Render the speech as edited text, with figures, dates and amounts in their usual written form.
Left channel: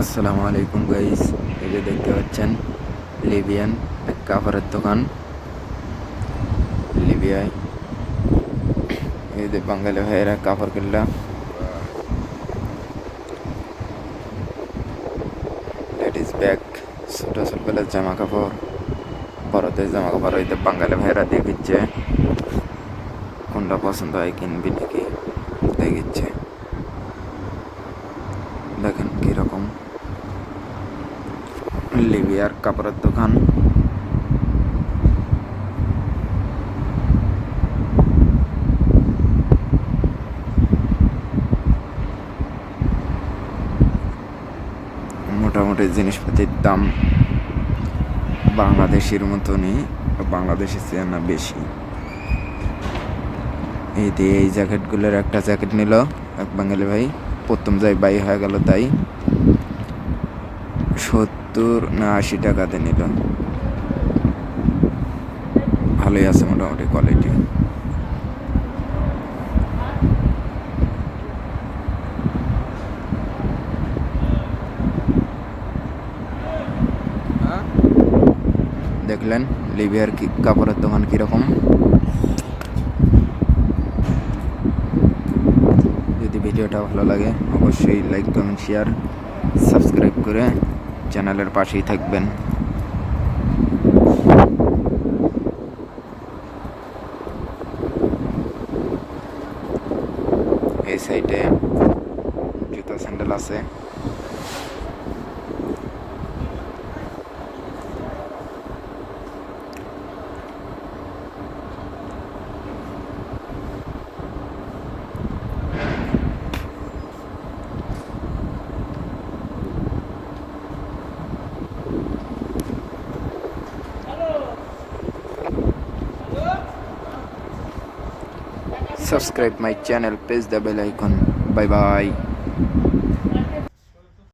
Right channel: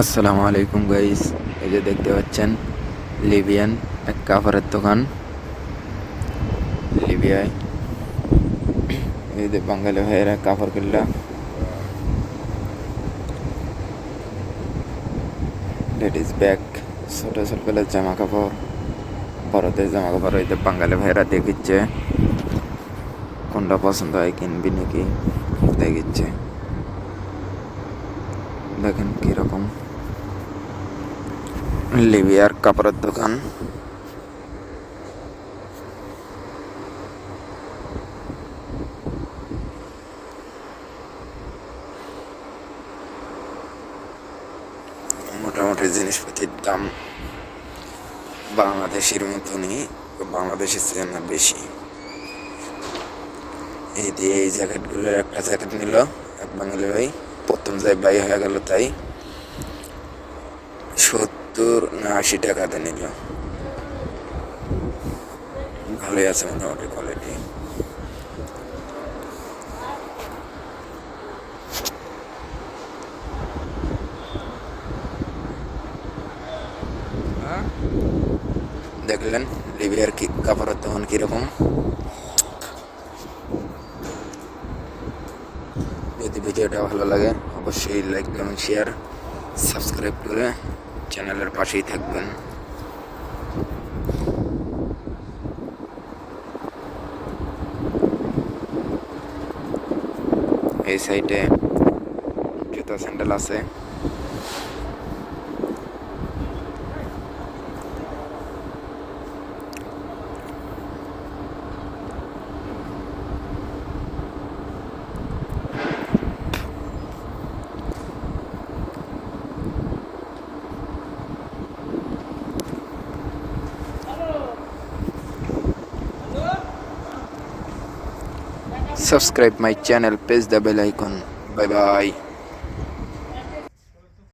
আসসালামু আলাইকুম গাইস। এই যে দেখতে পাচ্ছেন লিবিয়ান এক কাপড়ের দোকান। লিবিয়ায় এই যে বাঙালি ভাইয়েরা কাপড় কিনলা, লেডিস ব্যাগ, ছোট ছোটবেলার জামা কাপড়, বড়দের জামা কাপড়। এই যে বাঙালি ভাইয়েরা দেখিচ্ছে কোনটা পছন্দ হয় কিনবি নাকি দেখিচ্ছে। দেখেন কিরকম লিবিয়ার কাপড়ের দোকান। মোটামুটি জিনিসপাতির দাম বাংলাদেশের মতনই, বাংলাদেশের চেয়ে না বেশি। এই দিয়ে এই জ্যাকেটগুলোর একটা জ্যাকেট নিল এক বাঙালি ভাই, প্রথম যাই বাই হয়ে গেল, তাই 70 না 80 টাকাতে নিল। ভালোই আছে মোটামুটি কোয়ালিটি। দেখলেন লিবিয়ার কি কাপড়ের দোকান কীরকম। যদি ভিডিওটা ভালো লাগে অবশ্যই লাইক কমেন্ট শেয়ার সাবস্ক্রাইব করে চ্যানেলের পাশেই থাকবেন। এই সাইডে জুতো স্যান্ডেল আছে। Subscribe my channel, press the bell icon. Bye bye.